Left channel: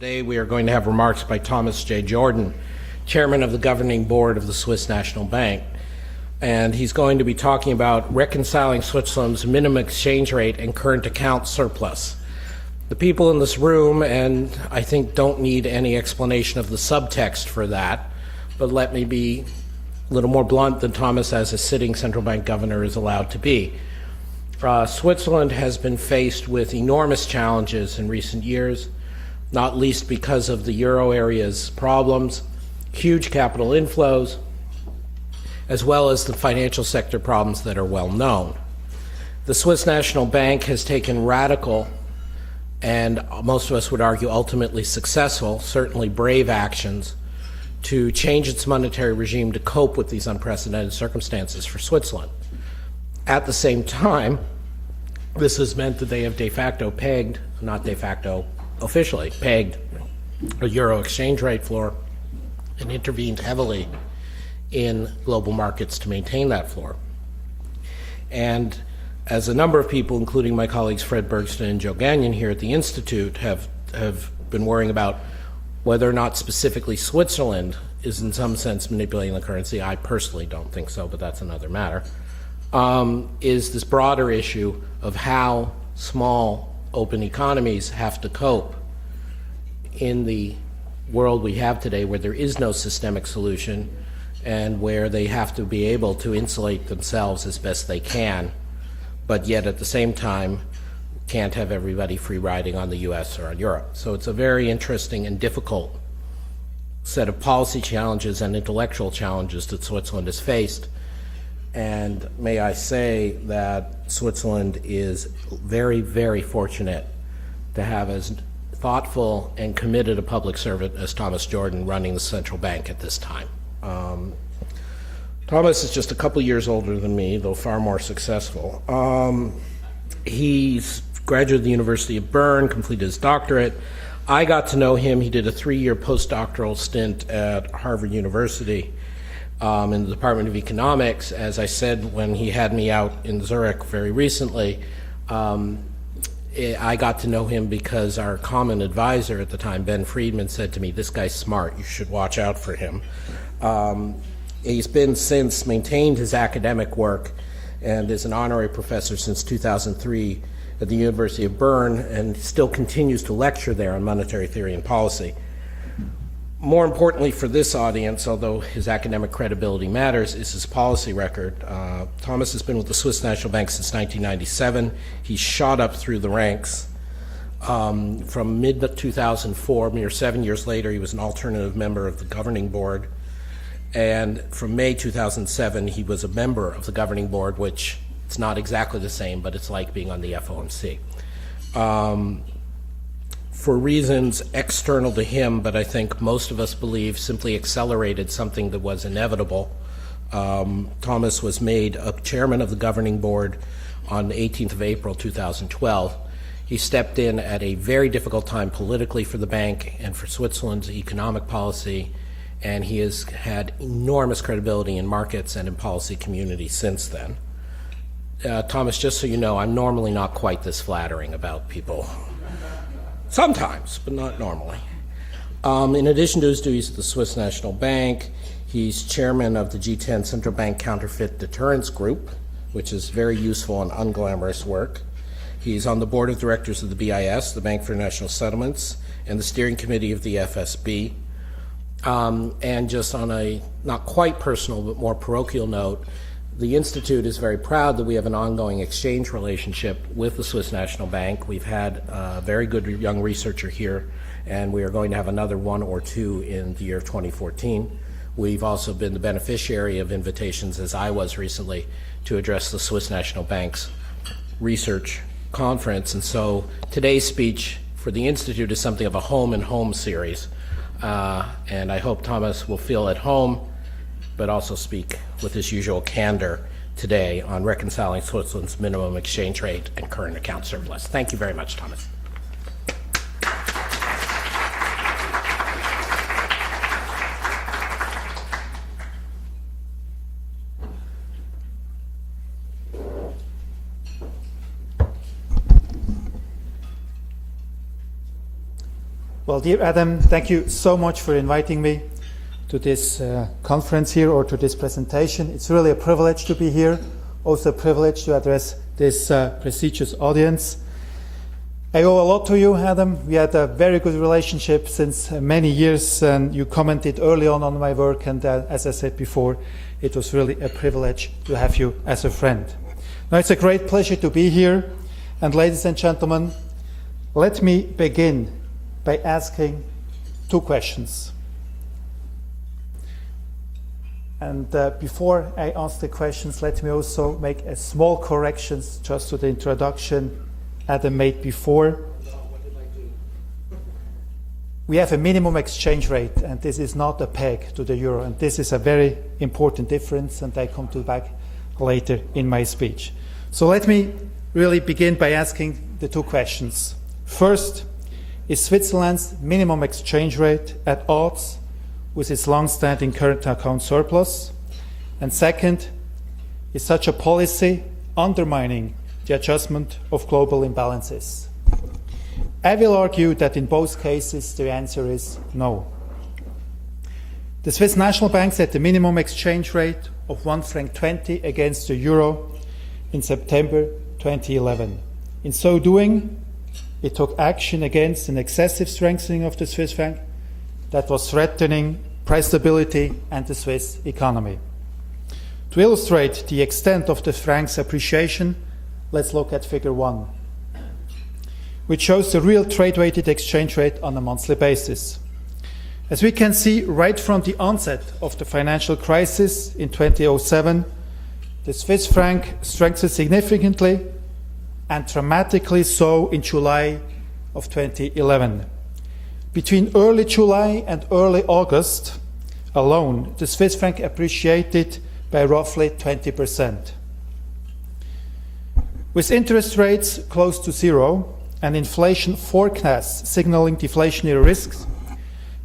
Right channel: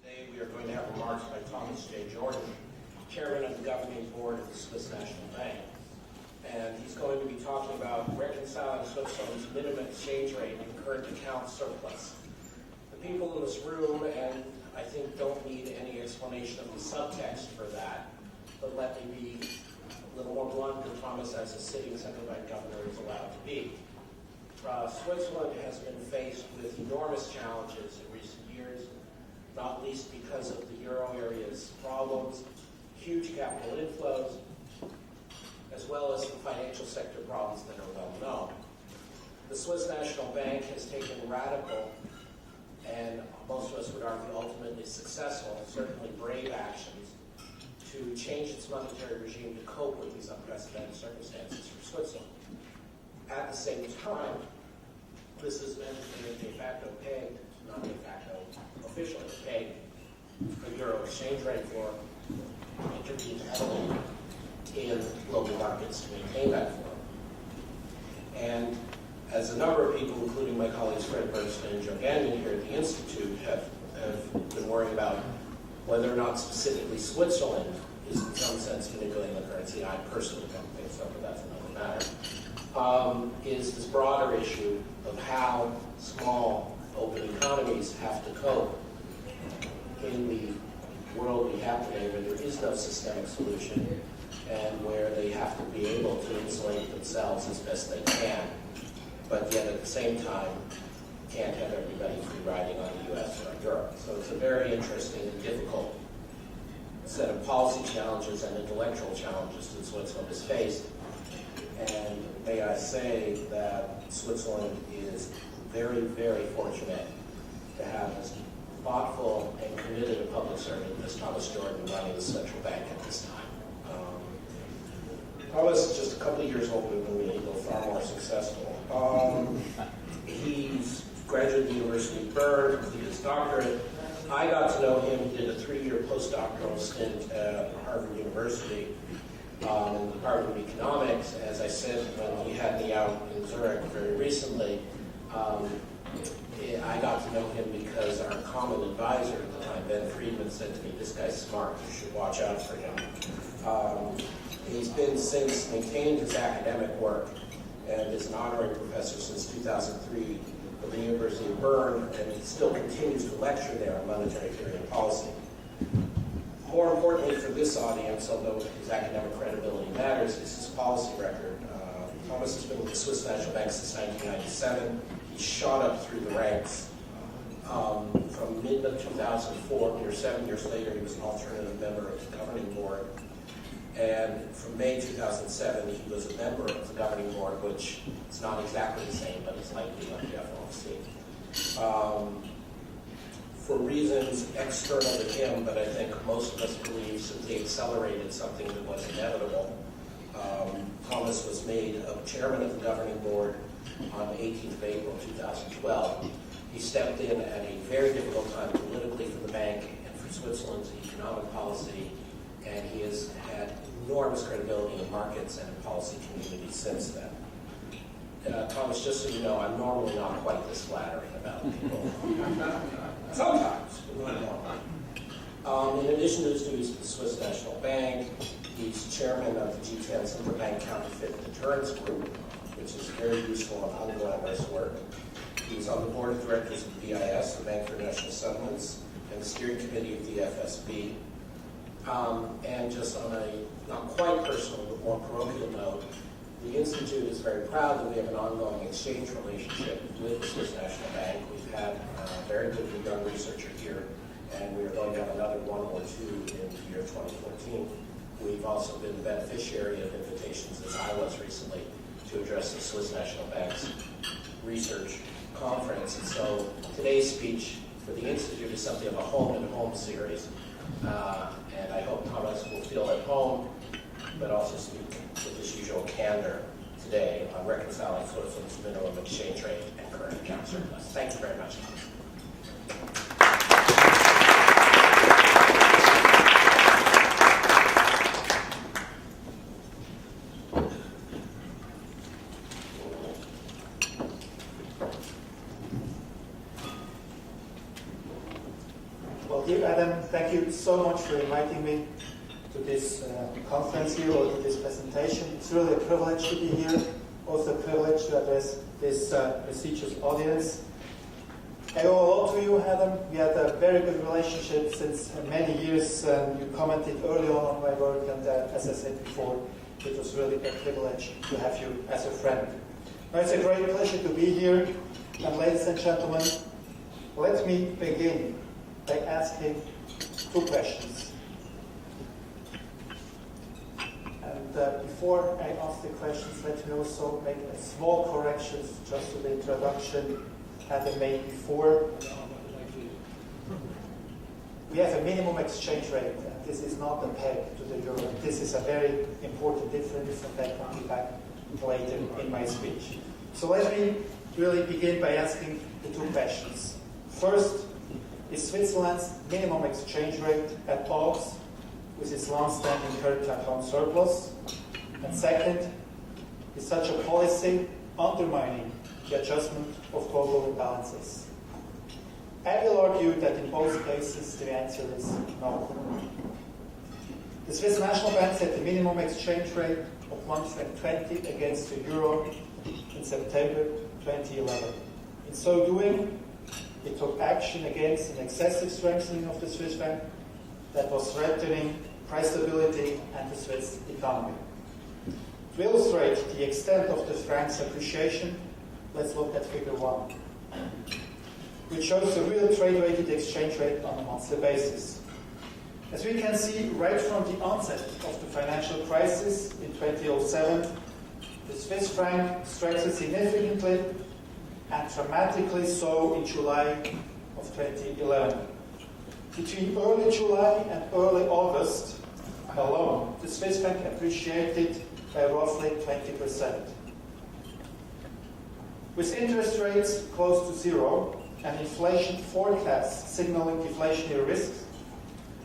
Today we are going to have remarks by Thomas J. Jordan, Chairman of the Governing Board of the Swiss National Bank. And he's going to be talking about reconciling Switzerland's minimum exchange rate and current account surplus. The people in this room, and I think don't need any explanation of the subtext for that, but let me be a little more blunt than Thomas as a sitting central bank governor is allowed to be. Switzerland has been faced with enormous challenges in recent years, not least because of the euro area's problems, huge capital inflows, as well as the financial sector problems that are well known. The Swiss National Bank has taken radical, and most of us would argue ultimately successful, certainly brave actions to change its monetary regime to cope with these unprecedented circumstances for Switzerland. At the same time, this has meant that they have de facto pegged, not de facto, officially pegged a euro exchange rate floor and intervened heavily in global markets to maintain that floor. And as a number of people, including my colleagues Fred Bergsten and Joe Gagnon here at the Institute, have been worrying about whether or not specifically Switzerland is in some sense manipulating the currency. I personally don't think so, but that's another matter. Is this broader issue of how small open economies have to cope in the world we have today, where there is no systemic solution and where they have to be able to insulate themselves as best they can, but yet at the same time can't have everybody free riding on the US or on Europe. So it's a very interesting and difficult set of policy challenges and intellectual challenges that Switzerland has faced. And may I say that Switzerland is very, very fortunate to have as thoughtful and committed a public servant as Thomas Jordan running the central bank at this time. Thomas is just a couple years older than me, though far more successful. He's graduated the University of Bern, completed his doctorate. I got to know him. He did a 3-year postdoctoral stint at Harvard University in the Department of Economics. As I said when he had me out in Zurich very recently, I got to know him because our common advisor at the time, Ben Friedman, said to me, "This guy's smart, you should watch out for him." He's been since maintained his academic work and is an honorary professor since 2003 at the University of Bern, and still continues to lecture there on monetary theory and policy. More importantly for this audience, although his academic credibility matters, is his policy record. Thomas has been with the Swiss National Bank since 1997. He shot up through the ranks. From mid-2004, mere 7 years later, he was an alternative member of the governing board. And from May 2007, he was a member of the governing board, which it's not exactly the same, but it's like being on the FOMC. For reasons external to him, but I think most of us believe simply accelerated something that was inevitable. Thomas was made a chairman of the governing board on the 18th of April 2012. He stepped in at a very difficult time politically for the bank and for Switzerland's economic policy, and he has had enormous credibility in markets and in policy community since then. Thomas, just so you know, I'm normally not quite this flattering about people. Sometimes, but not normally. In addition to his duties at the Swiss National Bank, he's chairman of the G10 Central Bank Counterfeit Deterrence Group, which is very useful and unglamorous work. He's on the board of directors of the BIS, the Bank for National Settlements, and the steering committee of the FSB. And just on a not quite personal but more parochial note, the Institute is very proud that we have an ongoing exchange relationship with the Swiss National Bank. We've had a very good young researcher here, and we are going to have another one or two in the year of 2014. We've also been the beneficiary of invitations, as I was recently, to address the Swiss National Bank's research conference. And so today's speech for the Institute is something of a home and home series. And I hope Thomas will feel at home, but also speak with his usual candor today on reconciling Switzerland's minimum exchange rate and current account surplus. Thank you very much, Thomas. Well, Well, dear Adam, thank you so much for inviting me to this conference here or to this presentation. It's really a privilege to be here, also a privilege to address this prestigious audience. I owe a lot to you, Adam. We had a very good relationship since many years, and you commented early on my work, and as I said before, it was really a privilege to have you as a friend. Now, it's a great pleasure to be here, and ladies and gentlemen, let me begin by asking two questions. And before I ask the questions, let me also make a small correction just to the introduction Adam made before. We have a minimum exchange rate, and this is not a peg to the euro. And this is a very important difference, and I come to back later in my speech. So let me really begin by asking the two questions. First, is Switzerland's minimum exchange rate at odds with its long-standing current account surplus? And second, is such a policy undermining the adjustment of global imbalances? I will argue that in both cases the answer is no. The Swiss National Bank set the minimum exchange rate of 1 franc 20 against the euro in September 2011. In so doing, it took action against an excessive strengthening of the Swiss franc that was threatening price stability and the Swiss economy. To illustrate the extent of the franc's appreciation, let's look at figure 1, which shows the real trade-weighted exchange rate on a monthly basis. As we can see, right from the onset of the financial crisis in 2007, the Swiss franc strengthened significantly and dramatically so in July of 2011. Between early July and early August alone, the Swiss franc appreciated by roughly 20%. With interest rates close to zero and inflation forecasts signaling deflationary risks,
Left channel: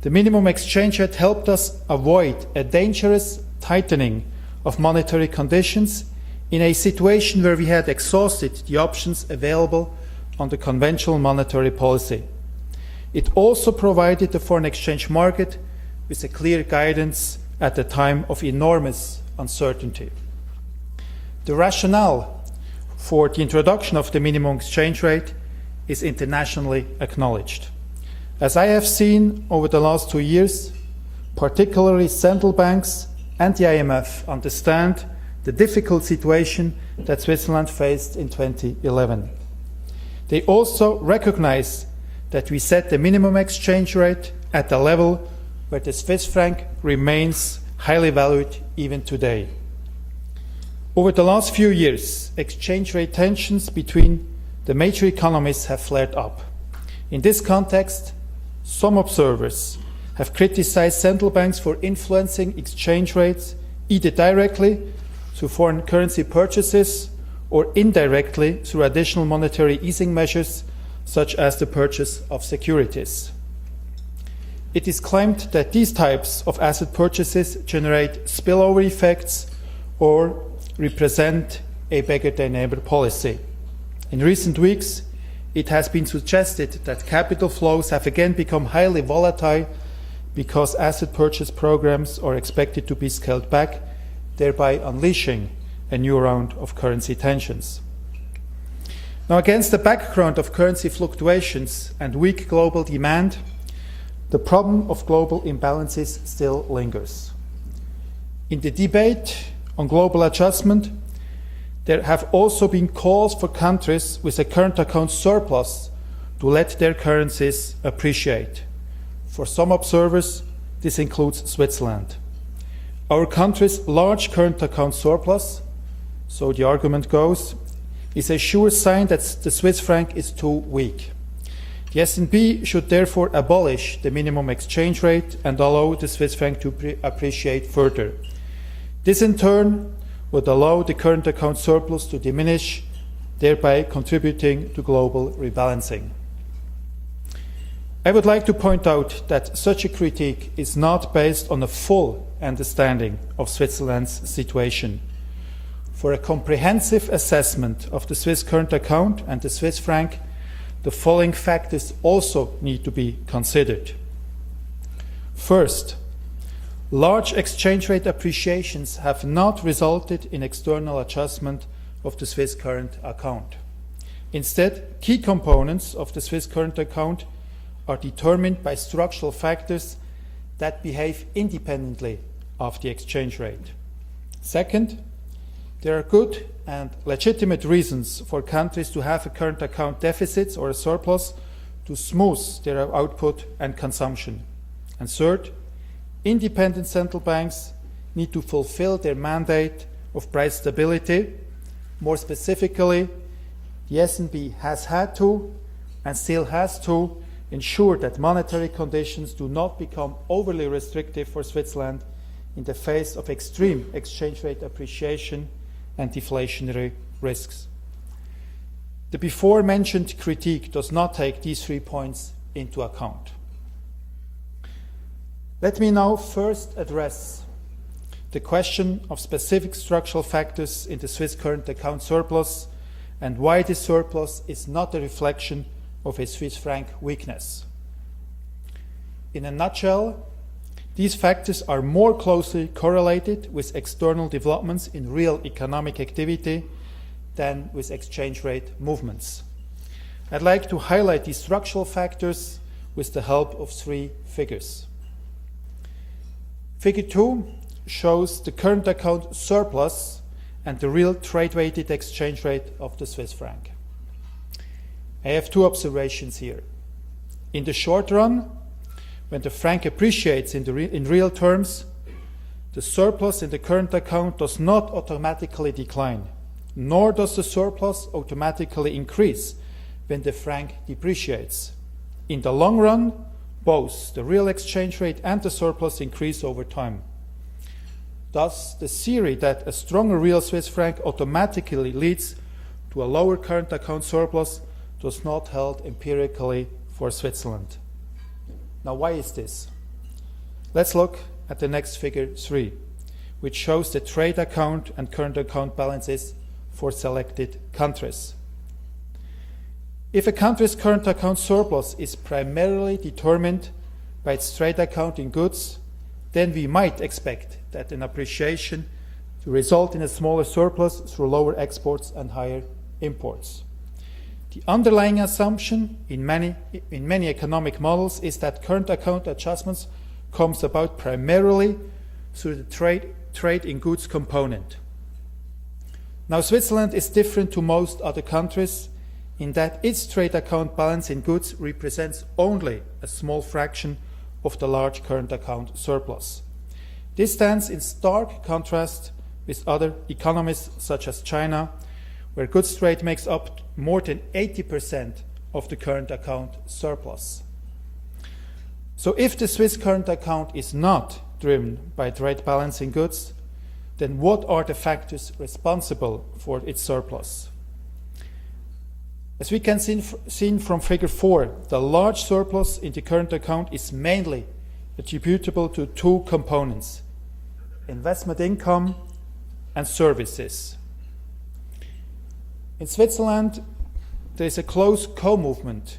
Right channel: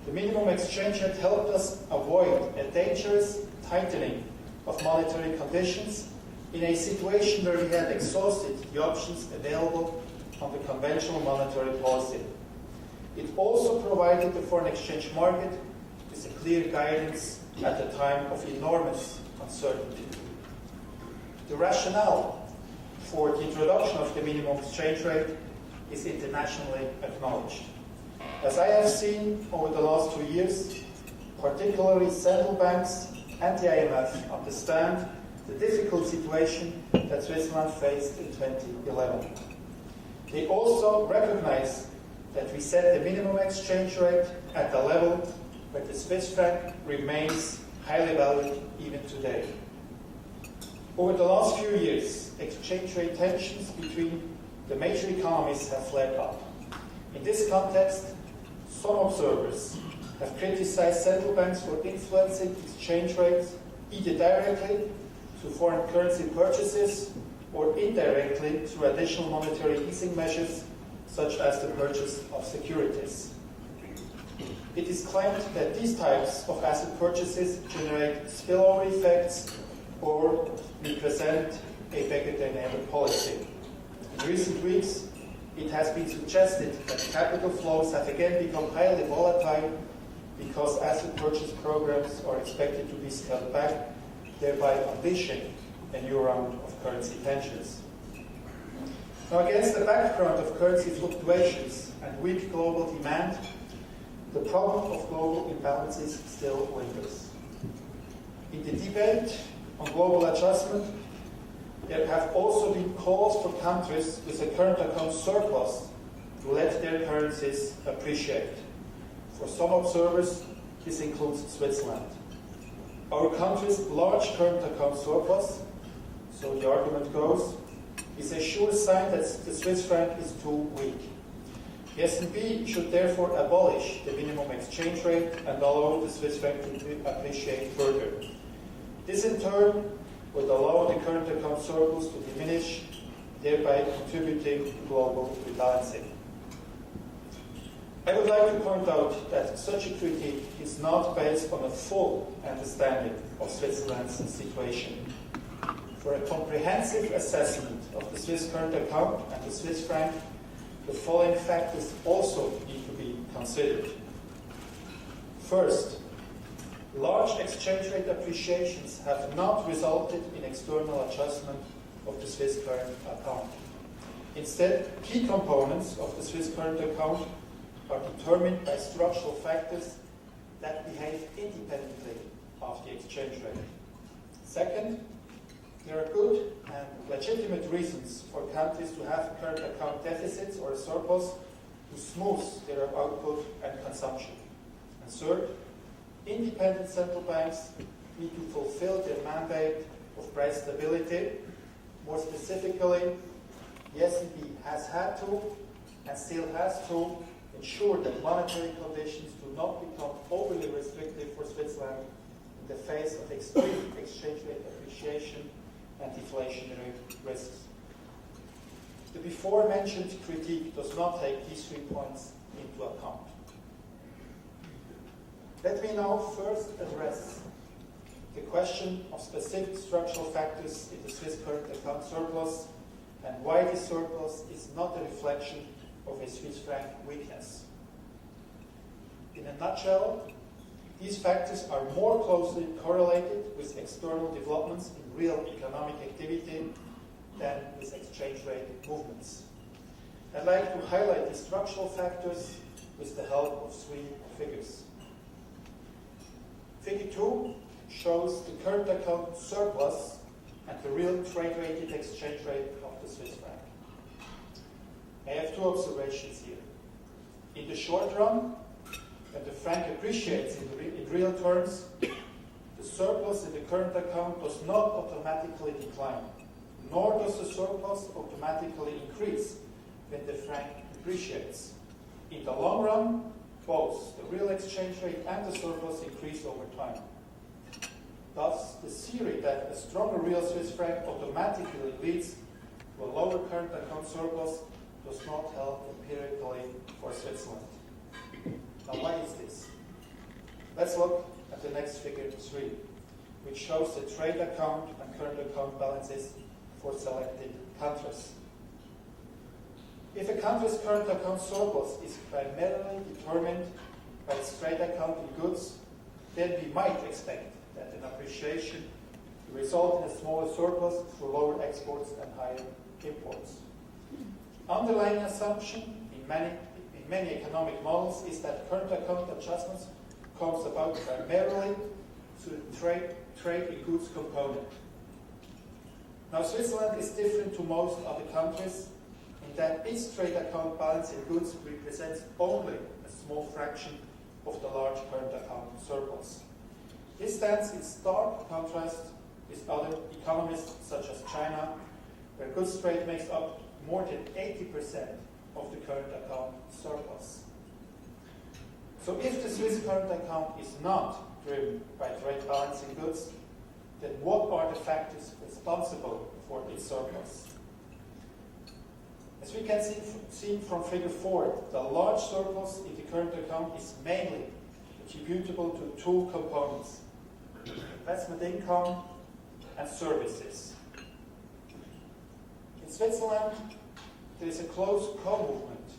the minimum exchange rate helped us avoid a dangerous tightening of monetary conditions in a situation where we had exhausted the options available on the conventional monetary policy. It also provided the foreign exchange market with a clear guidance at a time of enormous uncertainty. The rationale for the introduction of the minimum exchange rate is internationally acknowledged. As I have seen over the last 2 years, particularly central banks and the IMF understand the difficult situation that Switzerland faced in 2011. They also recognize that we set the minimum exchange rate at a level where the Swiss franc remains highly valued even today. Over the last few years, exchange rate tensions between the major economies have flared up. In this context, some observers have criticized central banks for influencing exchange rates either directly through foreign currency purchases or indirectly through additional monetary easing measures such as the purchase of securities. It is claimed that these types of asset purchases generate spillover effects or represent a beggar-than-ever policy. In recent weeks, it has been suggested that capital flows have again become highly volatile because asset purchase programs are expected to be scaled back, thereby unleashing a new round of currency tensions. Now, against the background of currency fluctuations and weak global demand, the problem of global imbalances still lingers. In the debate on global adjustment, there have also been calls for countries with a current account surplus to let their currencies appreciate. For some observers, this includes Switzerland. Our country's large current account surplus, so the argument goes, is a sure sign that the Swiss franc is too weak. The S&P should therefore abolish the minimum exchange rate and allow the Swiss franc to appreciate further. This in turn would allow the current account surplus to diminish, thereby contributing to global rebalancing. I would like to point out that such a critique is not based on a full understanding of Switzerland's situation. For a comprehensive assessment of the Swiss current account and the Swiss franc, the following factors also need to be considered. First, large exchange rate appreciations have not resulted in external adjustment of the Swiss current account. Instead, key components of the Swiss current account are determined by structural factors that behave independently of the exchange rate. Second, there are good and legitimate reasons for countries to have a current account deficit or a surplus to smooth their output and consumption. And third, independent central banks need to fulfill their mandate of price stability. More specifically, the S&P has had to and still has to ensure that monetary conditions do not become overly restrictive for Switzerland in the face of extreme exchange rate appreciation and deflationary risks. The before mentioned critique does not take these 3 points into account. Let me now first address the question of specific structural factors in the Swiss current account surplus and why this surplus is not a reflection of a Swiss franc weakness. In a nutshell, these factors are more closely correlated with external developments in real economic activity than with exchange rate movements. I'd like to highlight these structural factors with the help of 3 figures. Figure 2 shows the current account surplus and the real trade-weighted exchange rate of the Swiss franc. I have 2 observations here. In the short run, when the franc appreciates in real terms, the surplus in the current account does not automatically decline, nor does the surplus automatically increase when the franc depreciates. In the long run, both the real exchange rate and the surplus increase over time. Thus, the theory that a stronger real Swiss franc automatically leads to a lower current account surplus does not hold empirically for Switzerland. Now, why is this? Let's look at the next figure 3, which shows the trade account and current account balances for selected countries. If a country's current account surplus is primarily determined by its trade account in goods, then we might expect that an appreciation will result in a smaller surplus through lower exports and higher imports. The underlying assumption in many economic models is that current account adjustments comes about primarily through the trade in goods component. Now, Switzerland is different to most other countries in that its trade account balance in goods represents only a small fraction of the large current account surplus. This stands in stark contrast with other economies such as China, where goods trade makes up more than 80% of the current account surplus. So if the Swiss current account is not driven by trade balance in goods, then what are the factors responsible for its surplus? As we can see from figure 4, the large surplus in the current account is mainly attributable to 2 components: investment income and services. In Switzerland, there is a close co-movement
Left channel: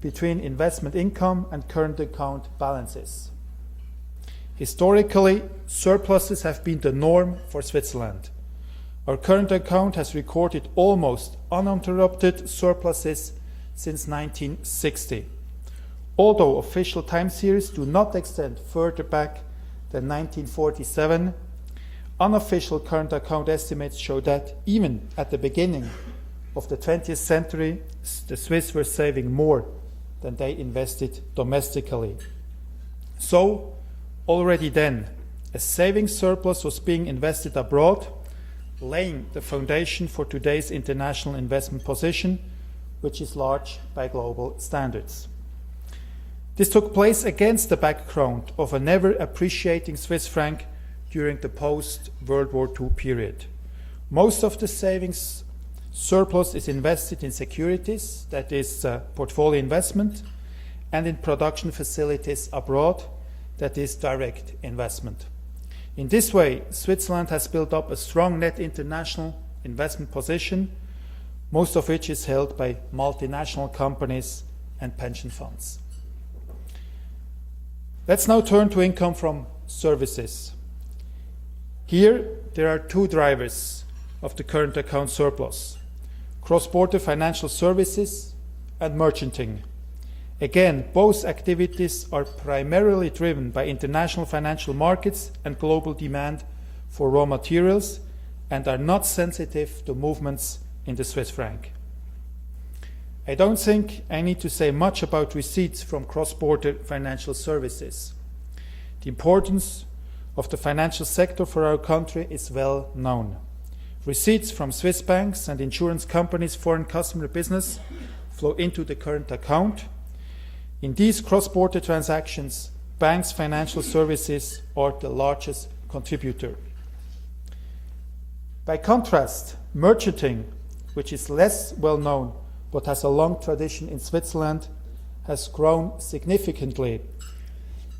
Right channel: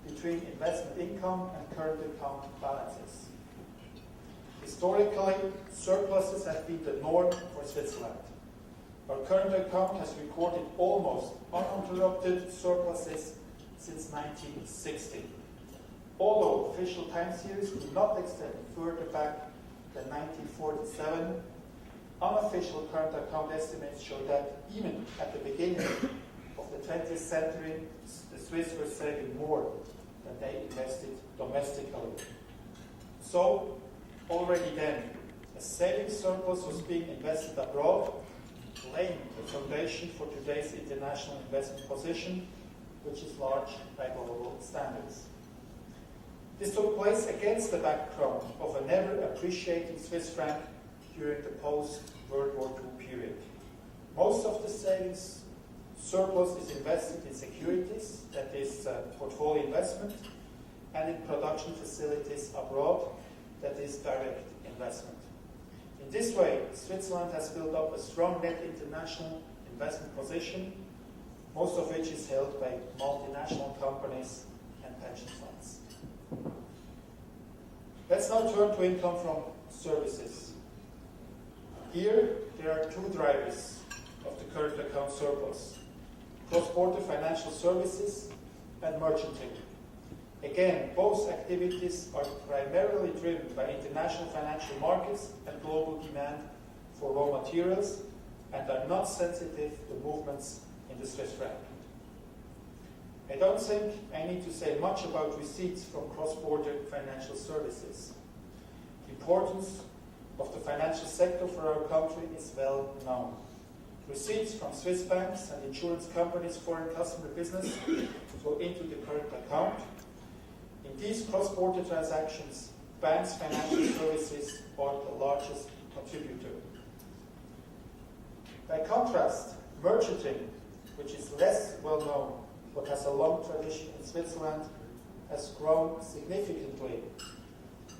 between investment income and current account balances. Historically, surpluses have been the norm for Switzerland. Our current account has recorded almost uninterrupted surpluses since 1960. Although official time series do not extend further back than 1947, unofficial current account estimates show that even at the beginning of the 20th century, the Swiss were saving more than they invested domestically. So, already then, a savings surplus was being invested abroad, laying the foundation for today's international investment position, which is large by global standards. This took place against the background of a never appreciating Swiss franc during the post-World War II period. Most of the savings surplus is invested in securities, that is portfolio investment, and in production facilities abroad, that is direct investment. In this way, Switzerland has built up a strong net international investment position. most of which is held by multinational companies and pension funds. Let's now turn to income from services. Here, there are two drivers of the current account surplus: cross-border financial services and merchanting. Again, both activities are primarily driven by international financial markets and global demand for raw materials and are not sensitive to movements in the Swiss franc. I don't think I need to say much about receipts from cross-border financial services. The importance of the financial sector for our country is well known. Receipts from Swiss banks and insurance companies' foreign customer business flow into the current account. In these cross-border transactions, banks' financial services are the largest contributor. By contrast, merchanting, which is less well known but has a long tradition in Switzerland, has grown significantly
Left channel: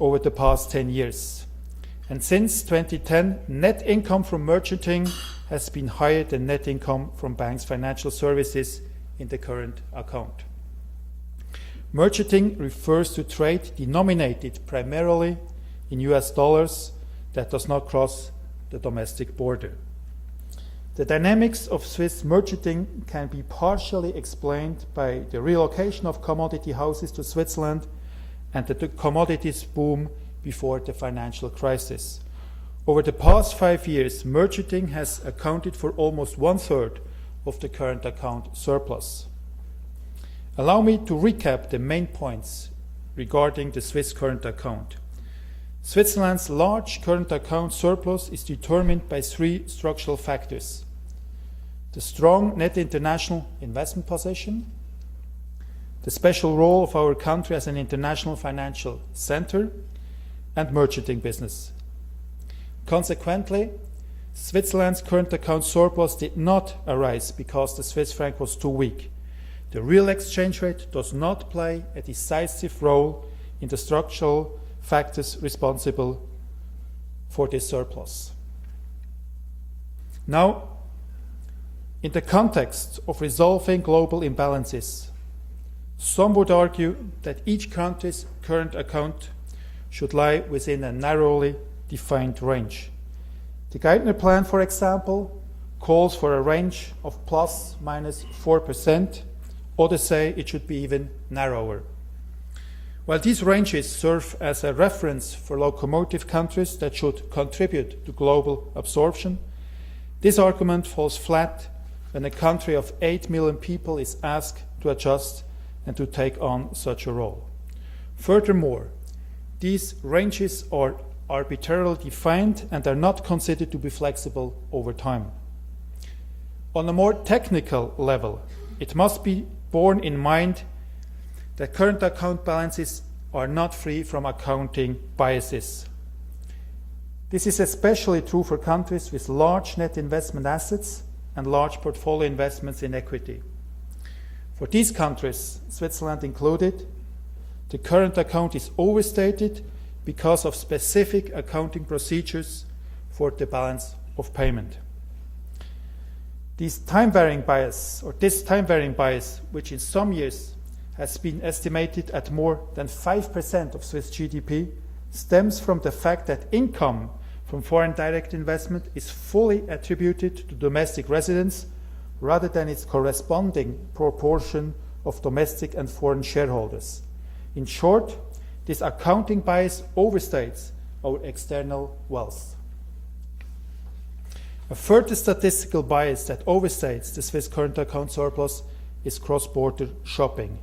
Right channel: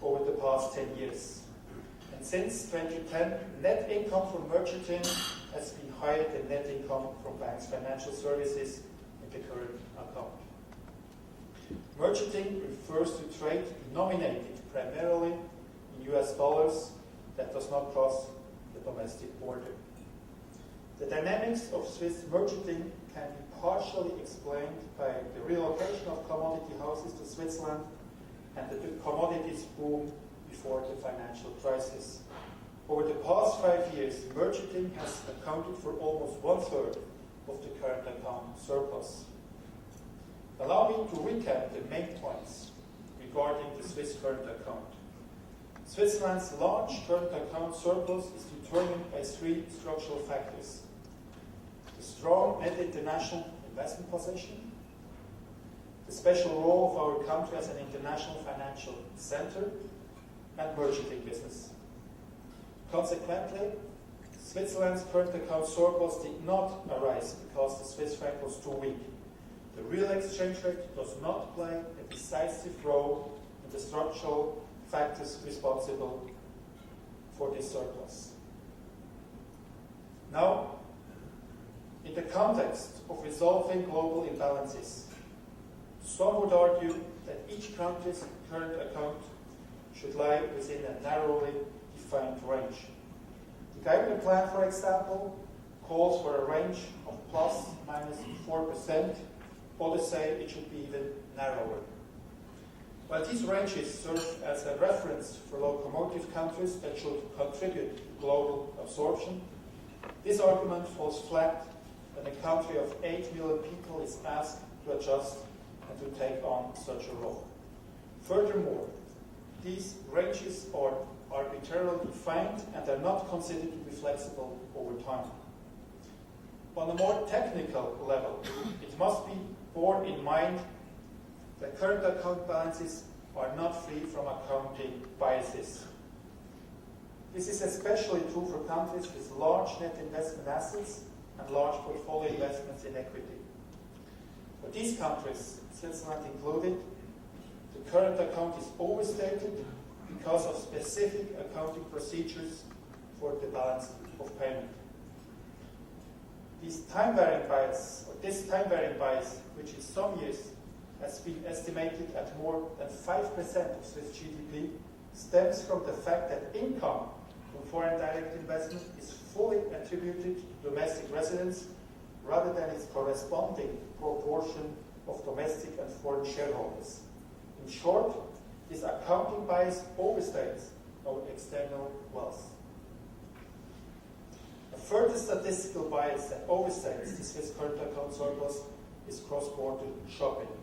over the past 10 years. And since 2010, net income from merchanting has been higher than net income from banks' financial services in the current account. Merchanting refers to trade denominated primarily in US dollars that does not cross the domestic border. The dynamics of Swiss merchanting can be partially explained by the relocation of commodity houses to Switzerland and the commodities boom before the financial crisis. Over the past 5 years, merchanting has accounted for almost 1/3 of the current account surplus. Allow me to recap the main points regarding the Swiss current account. Switzerland's large current account surplus is determined by 3 structural factors: the strong net international investment position, the special role of our country as an international financial center, and merchanting business. Consequently, Switzerland's current account surplus did not arise because the Swiss franc was too weak. The real exchange rate does not play a decisive role in the structural factors responsible for this surplus. Now, in the context of resolving global imbalances, some would argue that each country's current account should lie within a narrowly defined range. The Geithner Plan, for example, calls for a range of ±4%. Others say it should be even narrower. While these ranges serve as a reference for locomotive countries that should contribute to global absorption, this argument falls flat when a country of 8 million people is asked to adjust and to take on such a role. Furthermore, these ranges are arbitrarily defined and are not considered to be flexible over time. On a more technical level, it must be borne in mind that current account balances are not free from accounting biases. This is especially true for countries with large net investment assets and large portfolio investments in equity. For these countries, Switzerland included, the current account is overstated because of specific accounting procedures for the balance of payment. This time-varying bias, which in some years has been estimated at more than 5% of Swiss GDP, stems from the fact that income from foreign direct investment is fully attributed to domestic residents rather than its corresponding proportion of domestic and foreign shareholders. In short, this accounting bias overstates our external wealth. A further statistical bias that overstates the Swiss current account surplus is cross-border shopping.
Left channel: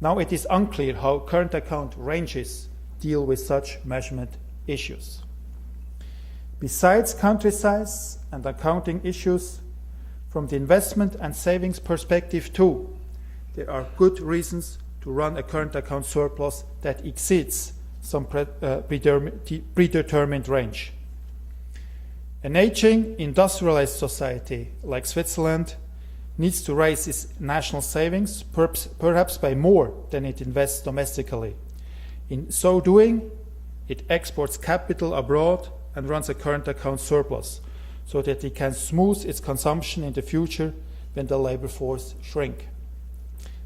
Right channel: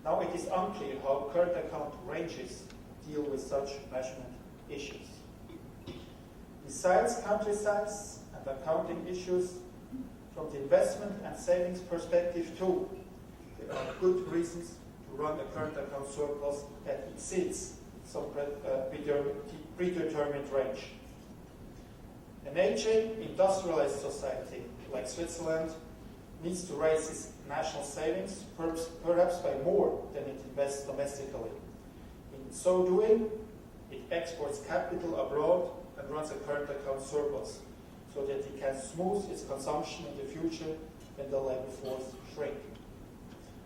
Now it is unclear how current account ranges deal with such measurement issues. Besides country size and accounting issues, from the investment and savings perspective too, there are good reasons to run a current account surplus that exceeds some predetermined range. An aging industrialized society like Switzerland needs to raise its national savings, perhaps by more than it invests domestically. In so doing, it exports capital abroad and runs a current account surplus so that it can smooth its consumption in the future when the labor force shrink.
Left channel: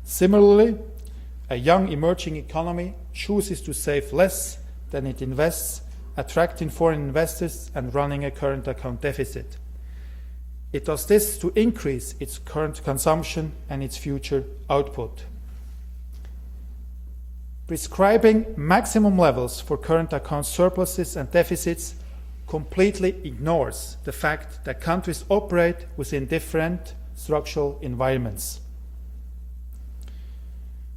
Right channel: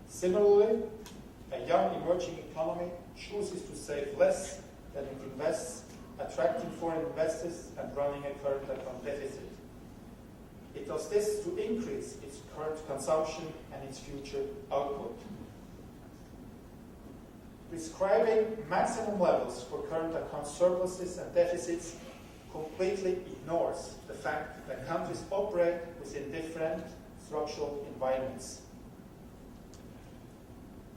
Similarly, a young emerging economy chooses to save less than it invests, attracting foreign investors and running a current account deficit. It does this to increase its current consumption and its future output. Prescribing maximum levels for current account surpluses and deficits completely ignores the fact that countries operate within different structural environments.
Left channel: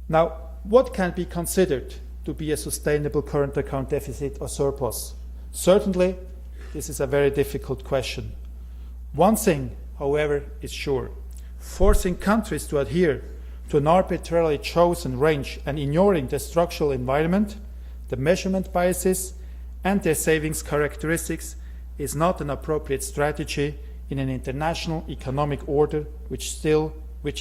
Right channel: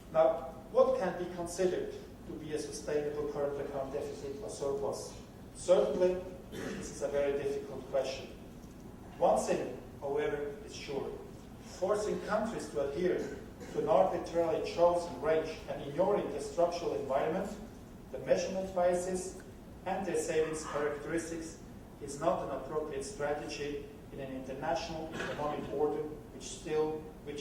Now, what can be considered to be a sustainable current account deficit or surplus? Certainly, this is a very difficult question. One thing, however, is sure. Forcing countries to adhere to an arbitrarily chosen range and ignoring the structural environment, the measurement biases, and their savings characteristics is not an appropriate strategy in an international economic order which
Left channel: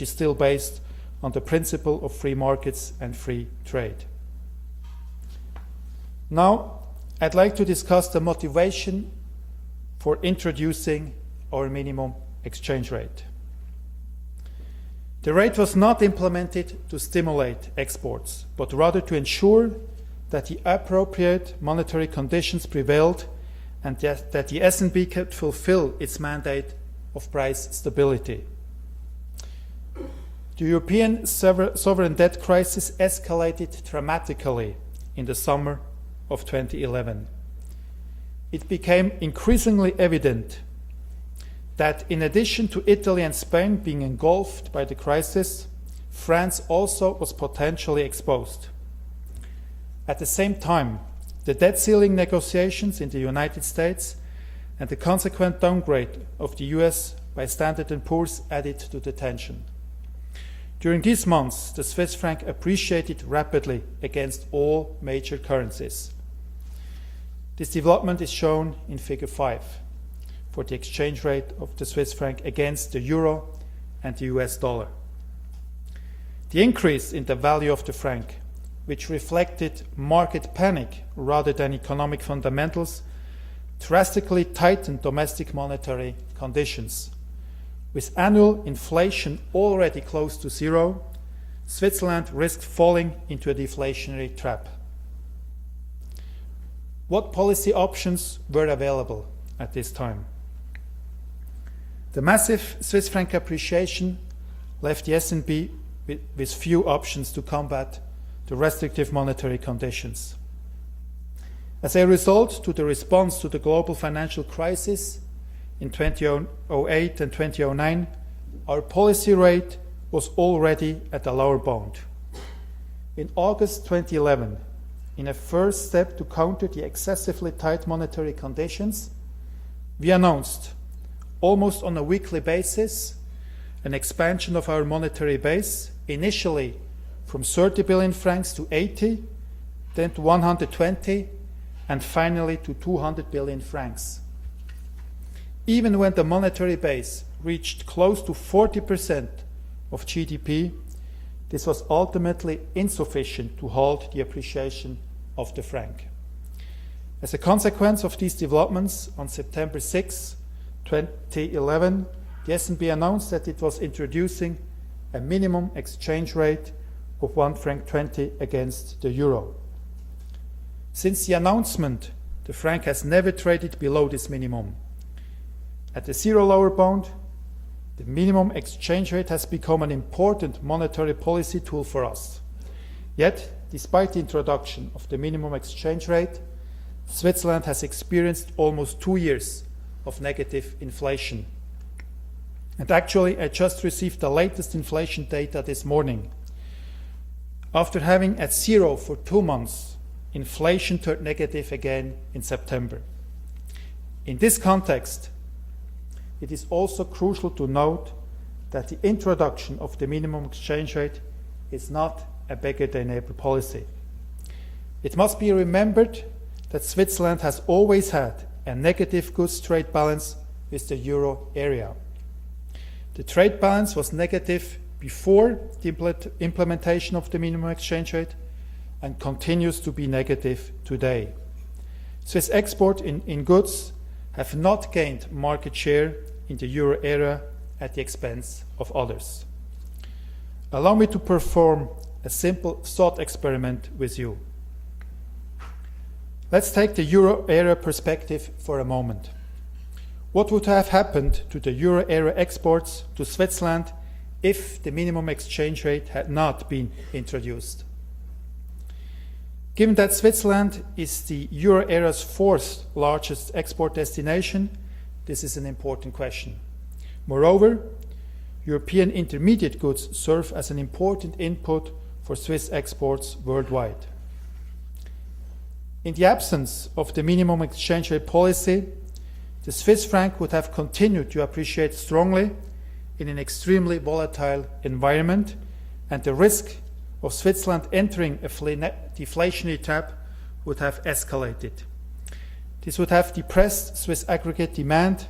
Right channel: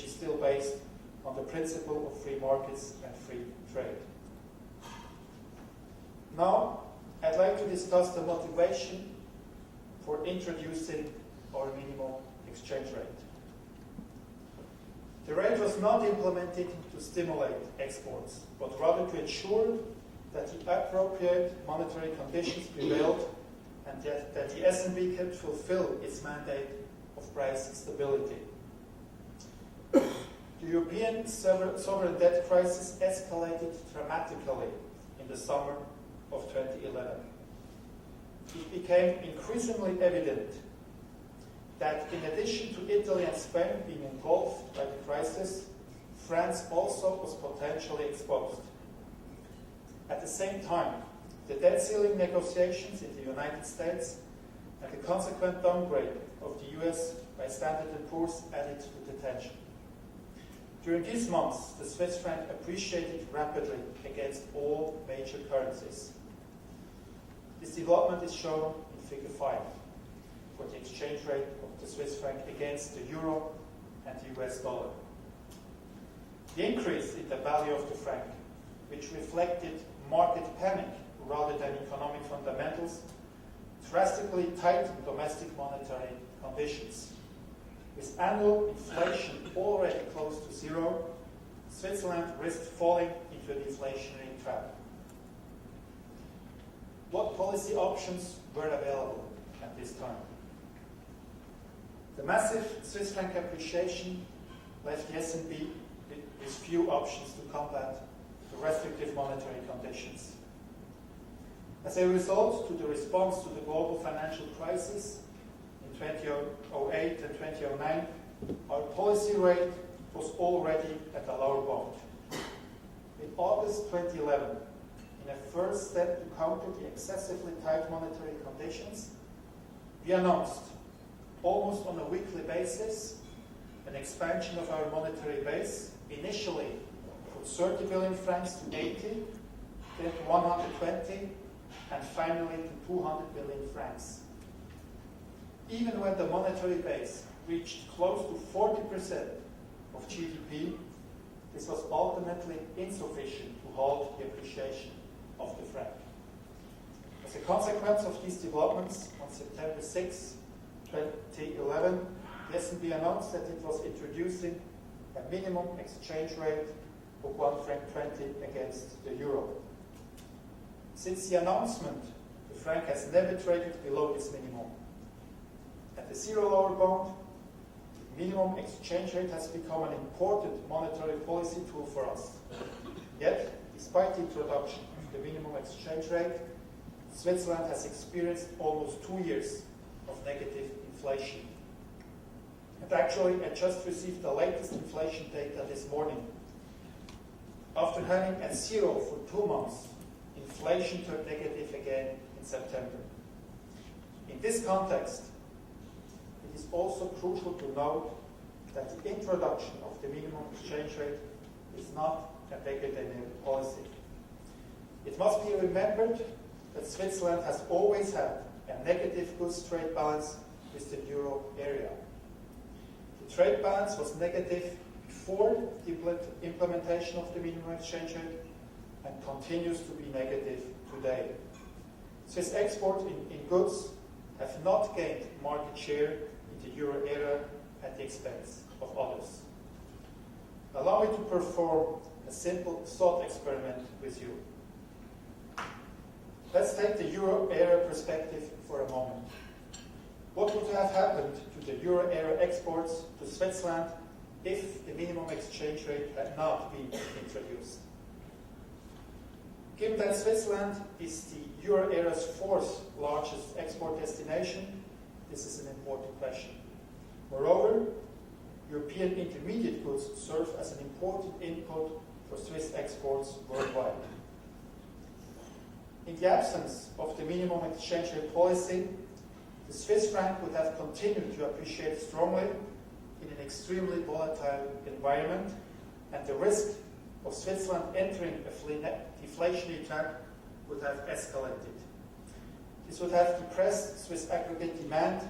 is still based on the principle of free markets and free trade. Now, I'd like to discuss the motivation for introducing our minimum exchange rate. The rate was not implemented to stimulate exports, but rather to ensure that the appropriate monetary conditions prevailed and that the S&B could fulfill its mandate of price stability. The European sovereign debt crisis escalated dramatically in the summer of 2011. It became increasingly evident that in addition to Italy and Spain being engulfed by the crisis, France also was potentially exposed. At the same time, the debt ceiling negotiations in the United States and the consequent downgrade of the US by Standard & Poor's added to the tension. During these months, the Swiss franc appreciated rapidly against all major currencies. This development is shown in Figure 5 for the exchange rate of the Swiss franc against the euro and the US dollar. The increase in the value of the franc, which reflected market panic rather than economic fundamentals, drastically tightened domestic monetary conditions. With annual inflation already close to zero, Switzerland risked falling into a deflationary trap. What policy options were available at this time? The massive Swiss franc appreciation left the S&P with few options to combat the restrictive monetary conditions. As a result, to the response to the global financial crisis in 2008 and 2009, our policy rate was already at a lower bound. In August 2011, in a first step to counter the excessively tight monetary conditions, we announced, almost on a weekly basis, an expansion of our monetary base, initially from 30 billion francs to 80, then to 120, and finally to 200 billion francs. Even when the monetary base reached close to 40% of GDP, this was ultimately insufficient to halt the appreciation of the franc. As a consequence of these developments, on September 6, 2011, the S&P announced that it was introducing a minimum exchange rate of 1.20 franc against the euro. Since the announcement, the franc has never traded below this minimum. At the zero lower bound, the minimum exchange rate has become an important monetary policy tool for us. Yet, despite the introduction of the minimum exchange rate, Switzerland has experienced almost 2 years of negative inflation. And actually, I just received the latest inflation data this morning. After having at zero for 2 months, inflation turned negative again in September. In this context, it is also crucial to note that the introduction of the minimum exchange rate is not a beggar-thy-neighbor policy. It must be remembered that Switzerland has always had a negative goods trade balance with the euro area. The trade balance was negative before the implementation of the minimum exchange rate and continues to be negative today. Swiss exports in goods have not gained market share in the euro area at the expense of others. Allow me to perform a simple thought experiment with you. Let's take the euro area perspective for a moment. What would have happened to the euro area exports to Switzerland if the minimum exchange rate had not been introduced? Given that Switzerland is the euro area's fourth largest export destination, this is an important question. Moreover, European intermediate goods serve as an important input for Swiss exports worldwide. In the absence of the minimum exchange rate policy, the Swiss franc would have continued to appreciate strongly in an extremely volatile environment, and the risk of Switzerland entering a deflationary trap would have escalated. This would have depressed Swiss aggregate demand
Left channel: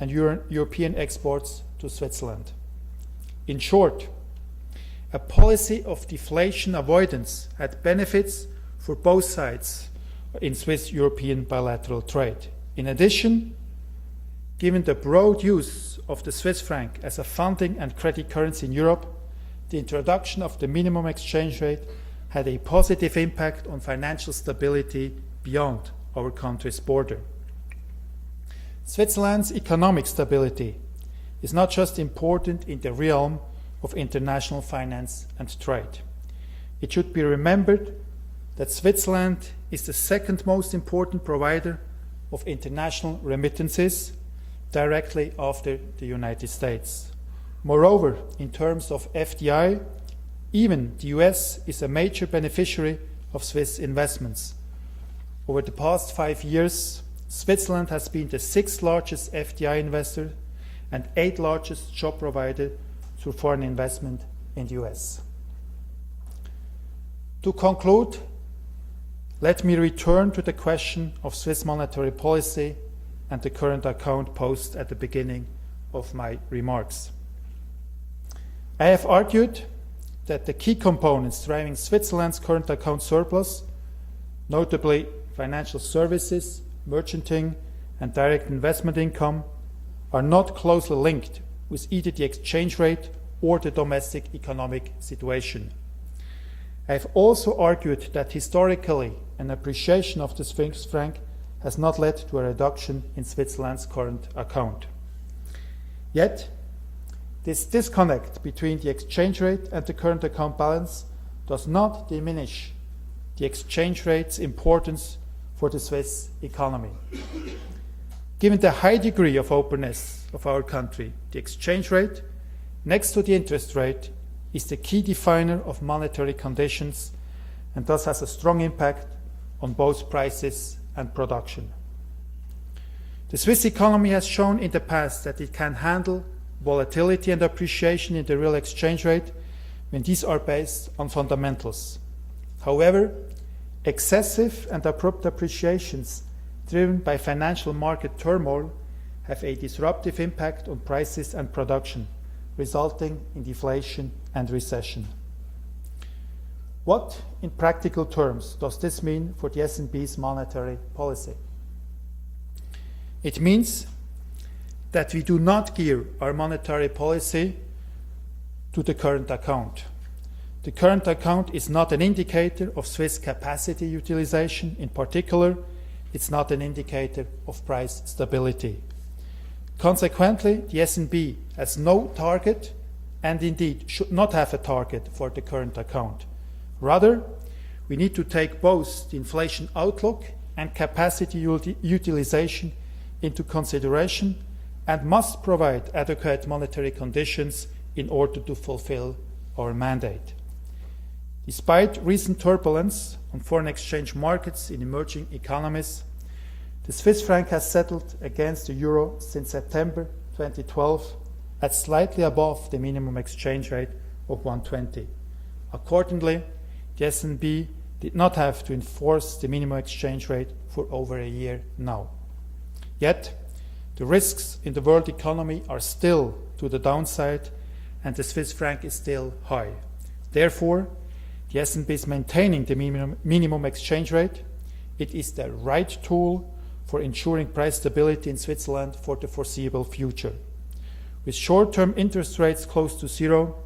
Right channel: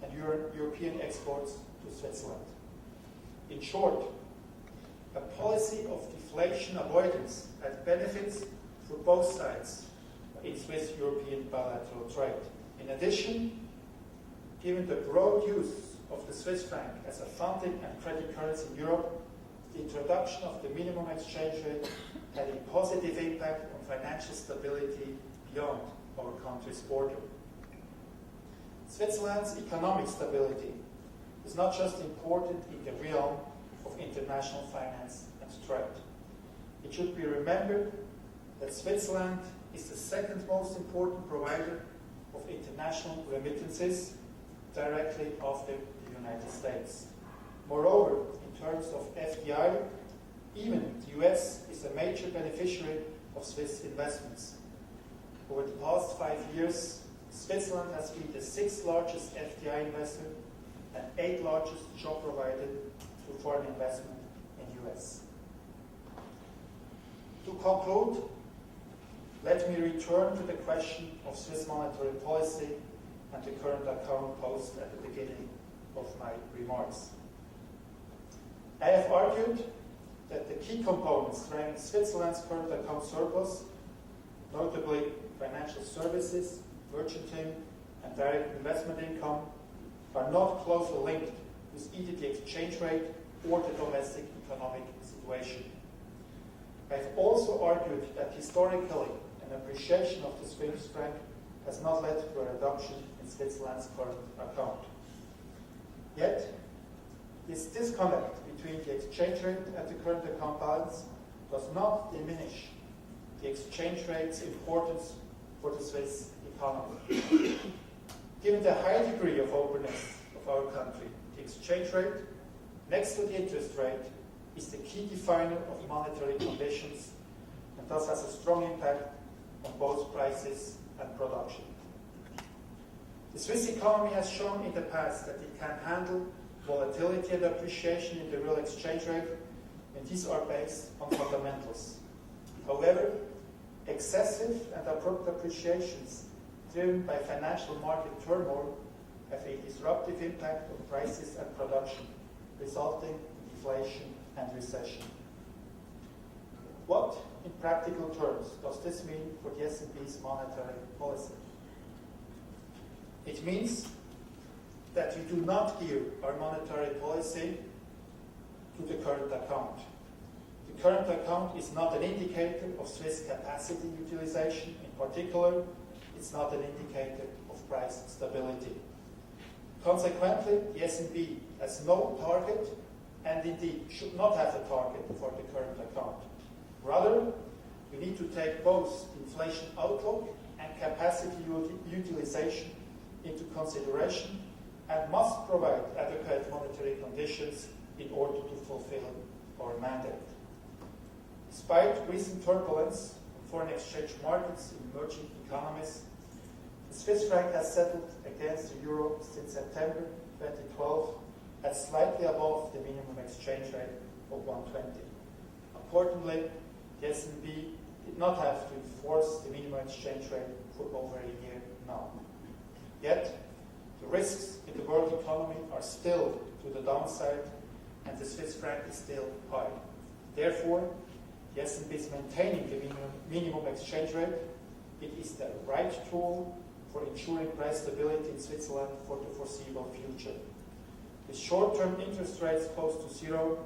and European exports to Switzerland. In short, a policy of deflation avoidance had benefits for both sides in Swiss-European bilateral trade. In addition, given the broad use of the Swiss franc as a funding and credit currency in Europe, the introduction of the minimum exchange rate had a positive impact on financial stability beyond our country's border. Switzerland's economic stability is not just important in the realm of international finance and trade. It should be remembered that Switzerland is the second most important provider of international remittances, directly after the United States. Moreover, in terms of FDI, even the US is a major beneficiary of Swiss investments. Over the past 5 years, Switzerland has been the sixth largest FDI investor and eighth largest job provider through foreign investment in the US. To conclude, let me return to the question of Swiss monetary policy and the current account posed at the beginning of my remarks. I have argued that the key components driving Switzerland's current account surplus, notably financial services, merchanting, and direct investment income, are not closely linked with either the exchange rate or the domestic economic situation. I have also argued that historically an appreciation of the Swiss franc has not led to a reduction in Switzerland's current account. Yet, this disconnect between the exchange rate and the current account balance does not diminish the exchange rate's importance for the Swiss economy. Given the high degree of openness of our country, the exchange rate, next to the interest rate, is the key definer of monetary conditions and thus has a strong impact on both prices and production. The Swiss economy has shown in the past that it can handle volatility and appreciation in the real exchange rate when these are based on fundamentals. However, excessive and abrupt appreciations driven by financial market turmoil have a disruptive impact on prices and production, resulting in deflation and recession. What, in practical terms, does this mean for the SNB's monetary policy? It means that we do not gear our monetary policy to the current account. The current account is not an indicator of Swiss capacity utilization. In particular, it's not an indicator of price stability. Consequently, the SNB has no target and indeed should not have a target for the current account. Rather, we need to take both the inflation outlook and capacity utilization into consideration and must provide adequate monetary conditions in order to fulfill our mandate. Despite recent turbulence on foreign exchange markets in emerging economies, the Swiss franc has settled against the euro since September 2012 at slightly above the minimum exchange rate of 120. Accordingly, the SNB did not have to enforce the minimum exchange rate for over a year now. Yet, the risks in the world economy are still to the downside and the Swiss franc is still high. Therefore, the SNB is maintaining the minimum exchange rate. It is the right tool for ensuring price stability in Switzerland for the foreseeable future. With short-term interest rates close to zero,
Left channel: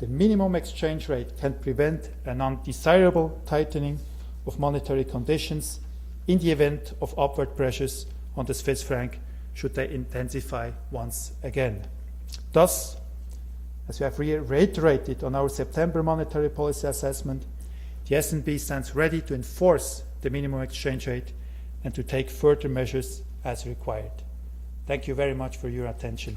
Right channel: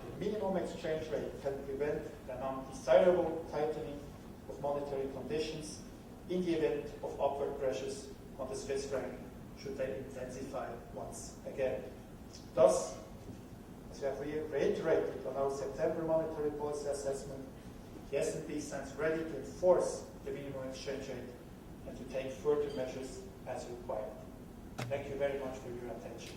the minimum exchange rate can prevent an undesirable tightening of monetary conditions in the event of upward pressures on the Swiss franc should they intensify once again. Thus, as we have reiterated on our September monetary policy assessment, the SNB stands ready to enforce the minimum exchange rate and to take further measures as required. Thank you very much for your attention.